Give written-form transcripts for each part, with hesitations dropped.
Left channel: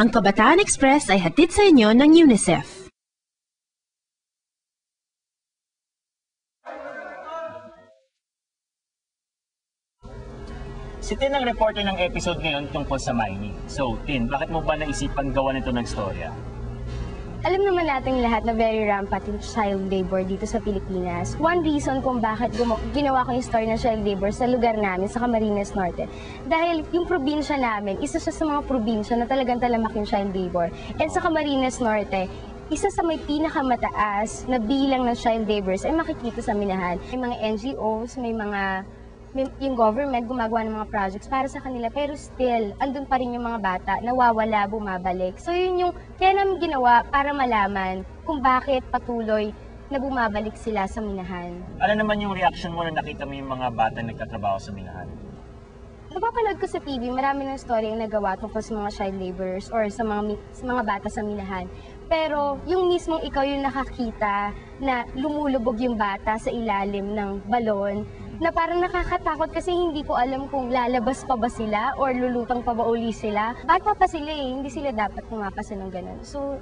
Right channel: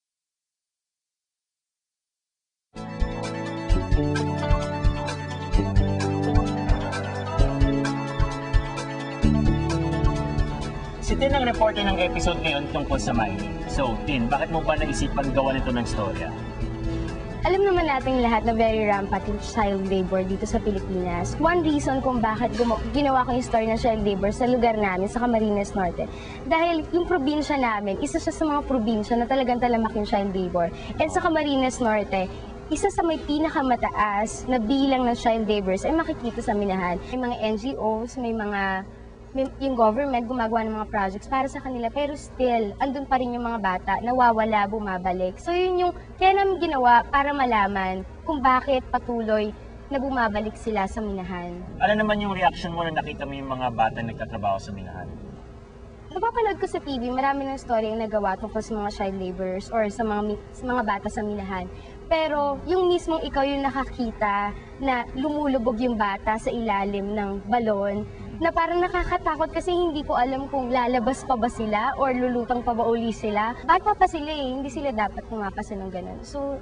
Ang Kabataan Express ay hatid sa inyo ng UNICEF. Si Tin ang reporter ng episode ngayon tungkol sa mining. So, Tin, bakit mo ba naisipan gawa nito ng storya? Alam naman nating lahat na very rampant yung child labor dito sa Pilipinas. One reason kung bakit ginawa ko yung story ng child labor sa lugar namin, sa Camarines Norte. Dahil yung probinsya namin, isa siya sa mga probinsya na talagang talamak yung child labor. And sa Camarines Norte, isa sa may pinakamataas na bilang ng child laborers ay makikita sa Minahan. May mga NGOs, yung government gumagawa ng mga projects para sa kanila, pero still, andun pa rin yung mga bata, nawawala, bumabalik. So yun yung kaya namin ginawa para malaman kung bakit patuloy na bumabalik sila sa Minahan. Ano naman yung reaction mo na nakita mo yung mga bata nagtatrabaho sa Minahan? Napapanood ko sa TV, marami ng story yung nagawa tungkol sa mga child laborers or sa mga bata sa Minahan. Pero yung mismong ikaw yung nakakita na lumulubog yung bata sa ilalim ng balon, na parang nakakatakot kasi hindi ko alam kung lalabas pa ba sila or lulutang pa ba uli sila. Bata pa sila hindi sila dapat pumapasa ng ganun. So,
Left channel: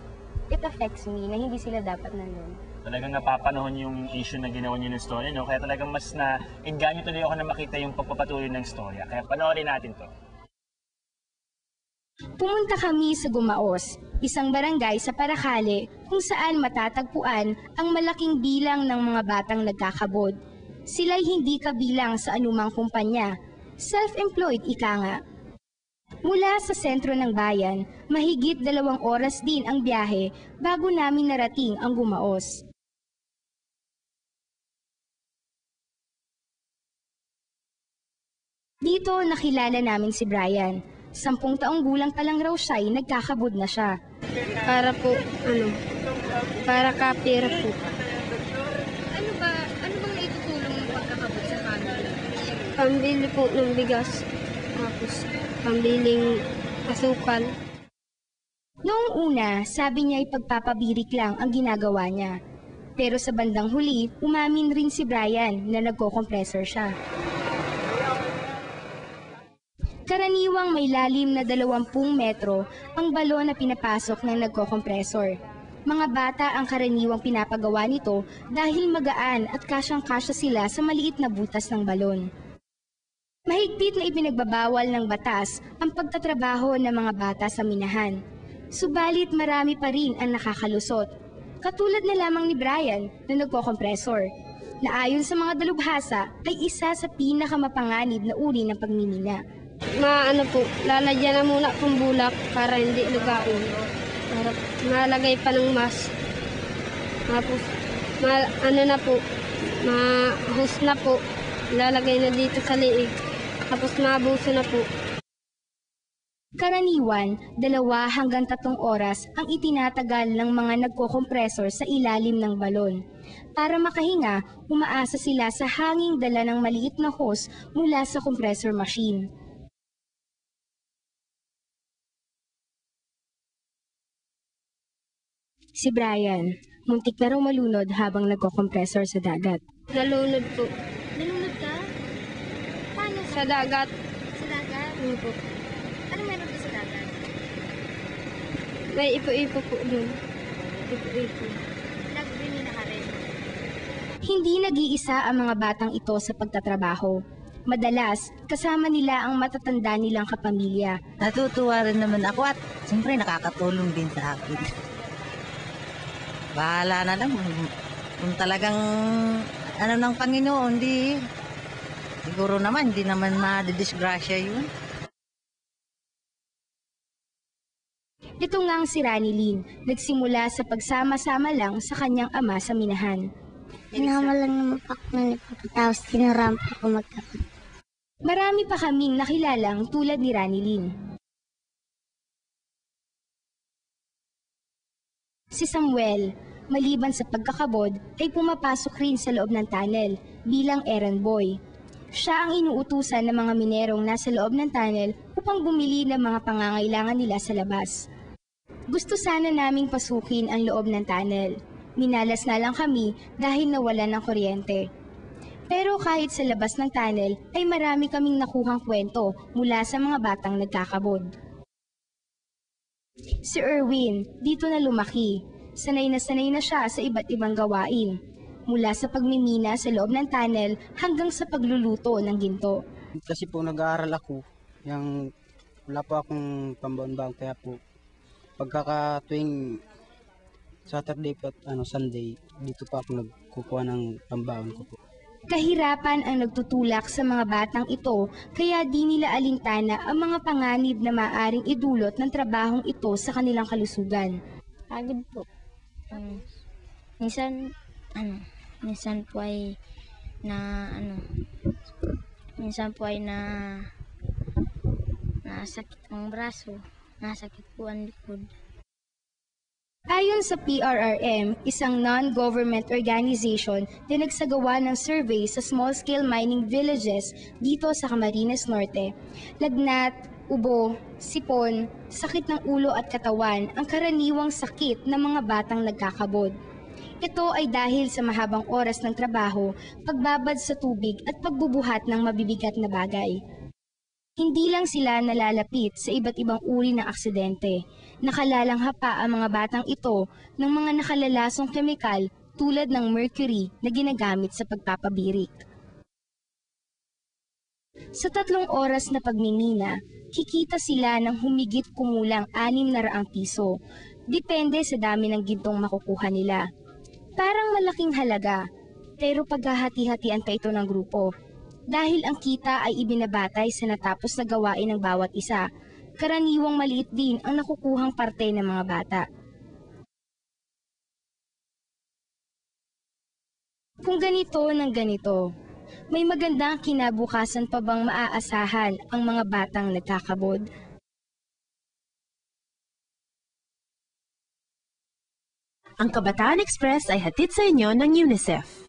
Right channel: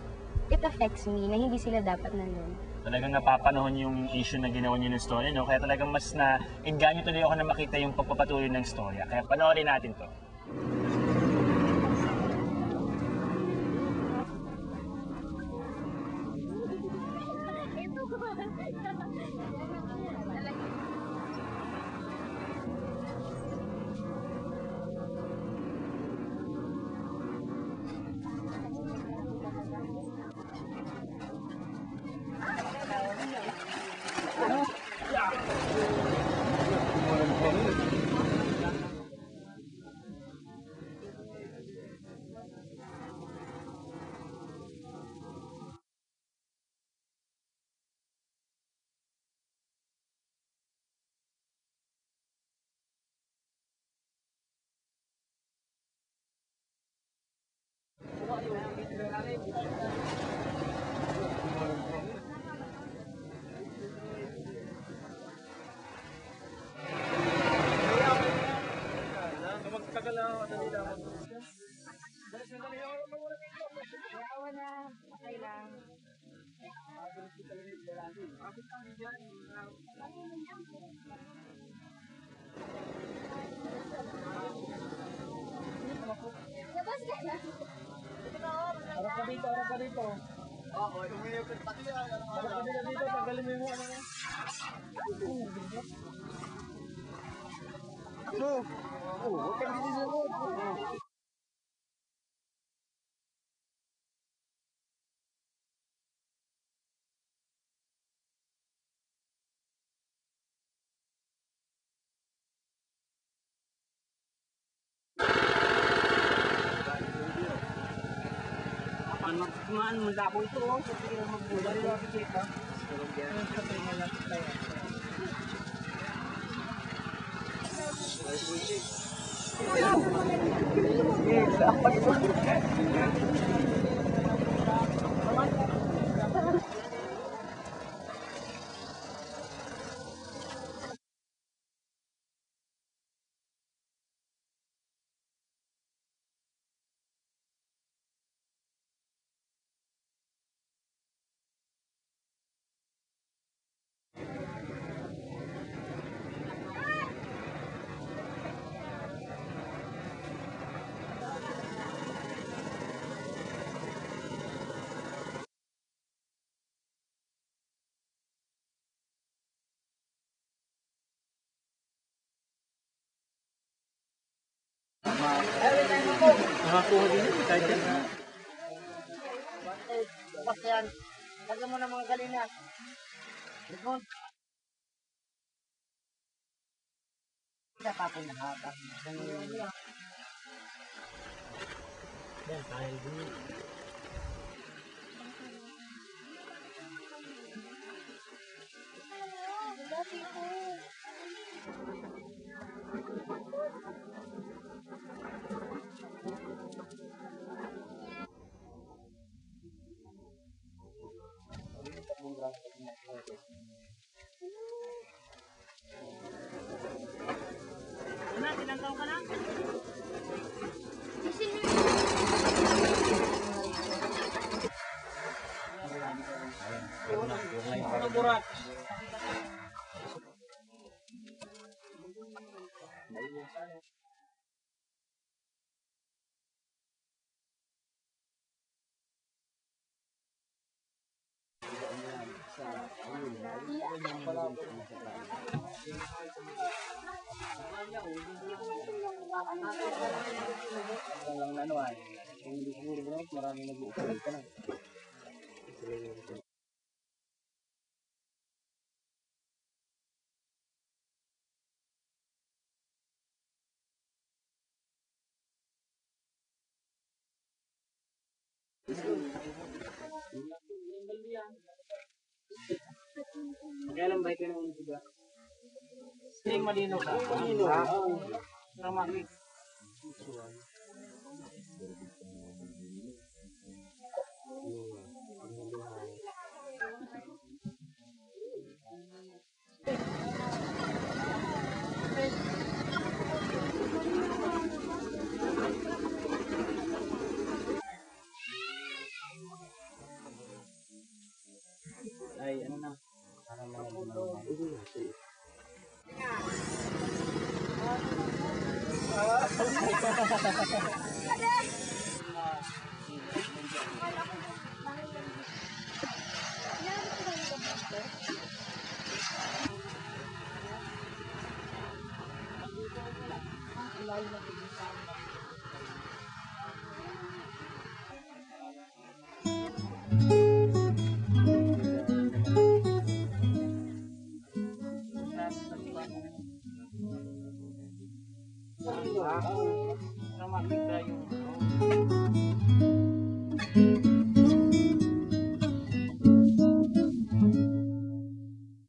it affects me na hindi sila dapat nandun. Talagang napapanahon yung issue na ginawa niyo ng story, no? Kaya talagang mas na-engganyo tuloy ako na makita yung pagpapatuloy ng storya. Kaya panoorin natin to. Pumunta kami sa Gumaos, isang barangay sa Paracale kung saan matatagpuan ang malaking bilang ng mga batang nagkakabot. Sila'y hindi kabilang sa anumang kumpanya. Self-employed ika nga. Mula sa sentro ng bayan, mahigit 2 oras din ang biyahe bago namin narating ang Gumaos. Dito nakilala namin si Brian. 10 taong gulang pa lang raw siya ay nagkakabod na siya. Para kapira po. Pambili po ng bigas, tapos pambiling asukal. Noong una, sabi niya ay pagpapabirik lang ang ginagawa niya. Pero sa bandang huli, umamin rin si Brian na nagko-compressor siya. Karaniwang may lalim na 20 metro ang balon na pinapasok ng nagko-compressor. Mga bata ang karaniwang pinapagawa nito dahil magaan at kasyang-kasya sila sa maliit na butas ng balon. Mahigpit na ipinagbabawal ng batas ang pagtatrabaho ng mga bata sa Minahan. Subalit marami pa rin ang nakakalusot. Katulad na lamang ni Brian na nagko-compressor, na ayon sa mga dalubhasa ay isa sa pinakamapanganib na uri ng pagmimina. Lalagyan na muna kung bulak para hindi lugain. Para malagay pa ng mas. Tapos, mahus na po. Lalagay na dito sa liig. Tapos maabuso na po. Karaniwan, 2 hanggang 3 oras ang itinatagal ng mga nagko-kompresor sa ilalim ng balon. Para makahinga, umaasa sila sa hanging dala ng maliit na hose mula sa compressor machine. Si Brian, muntik na raw malunod habang nagko-compressor sa dagat. Nalunod po. Nalunod ka? Paano? Sa dagat. Sa dagat? Po. Ano meron doon sa dagat? May ipo-ipo po dun. Ipo-ipo. Nagbimina ka rin? Hindi nag-iisa ang mga batang ito sa pagtatrabaho. Madalas, kasama nila ang matatanda nilang kapamilya. Natutuwa rin naman ako at siyempre nakakatulong din sa akin. Bahala na lang kung talagang ng Panginoon, siguro naman, hindi naman madidisgrasya yun. Ito nga ang si Rani Lynn, nagsimula sa pagsama-sama lang sa kanyang ama sa Minahan. Pinama lang naman pak na tapos tinarampa ko magkapit. Marami pa kaming nakilalang tulad ni Rani Lynn. Si Samuel, maliban sa pagkakabod, ay pumapasok rin sa loob ng tunnel bilang errand boy. Siya ang inuutusan ng mga minerong nasa loob ng tunnel upang bumili ng mga pangangailangan nila sa labas. Gusto sana naming pasukin ang loob ng tunnel. Minalas na lang kami dahil nawalan ng kuryente. Pero kahit sa labas ng tunnel ay marami kaming nakuhang kwento mula sa mga batang nagkakabod. Si Erwin, dito na lumaki. Sanay na siya sa iba't ibang gawain. Mula sa pagmimina sa loob ng tunnel hanggang sa pagluluto ng ginto. Kasi po nag-aaral ako, wala po akong pambaon-baon kaya po pagkakatuwing Saturday at Sunday, dito pa ako nagkukuha ng pambaon ko po. Kahirapan ang nagtutulak sa mga batang ito kaya di nila alintana ang mga panganib na maaring idulot ng trabahong ito sa kanilang kalusugan. Pagod po. Minsan, minsan po ay nasakit ang braso, nasakit po ang likod. Ayon sa PRRM, isang non-government organization na nagsagawa ng survey sa small-scale mining villages dito sa Camarines Norte, lagnat, ubo, sipon, sakit ng ulo at katawan ang karaniwang sakit ng mga batang nagkakabod. Ito ay dahil sa mahabang oras ng trabaho, pagbabad sa tubig at pagbubuhat ng mabibigat na bagay. Hindi lang sila nalalapit sa iba't ibang uri ng aksidente. Nakalalangha pa ang mga batang ito ng mga nakalalasong kemikal tulad ng mercury na ginagamit sa pagpapabirik. Sa 3 oras na pagmimina, kikita sila ng humigit kumulang 600 piso. Depende sa dami ng gintong makukuha nila. Parang malaking halaga, pero paghahati-hatian pa ito ng grupo. Dahil ang kita ay ibinabatay sa natapos na gawain ng bawat isa, karaniwang maliit din ang nakukuhang parte ng mga bata. Kung ganito ng ganito, may magandang kinabukasan pa bang maaasahan ang mga batang nagkakabod? Ang Kabataan Express ay hatid sa inyo ng UNICEF.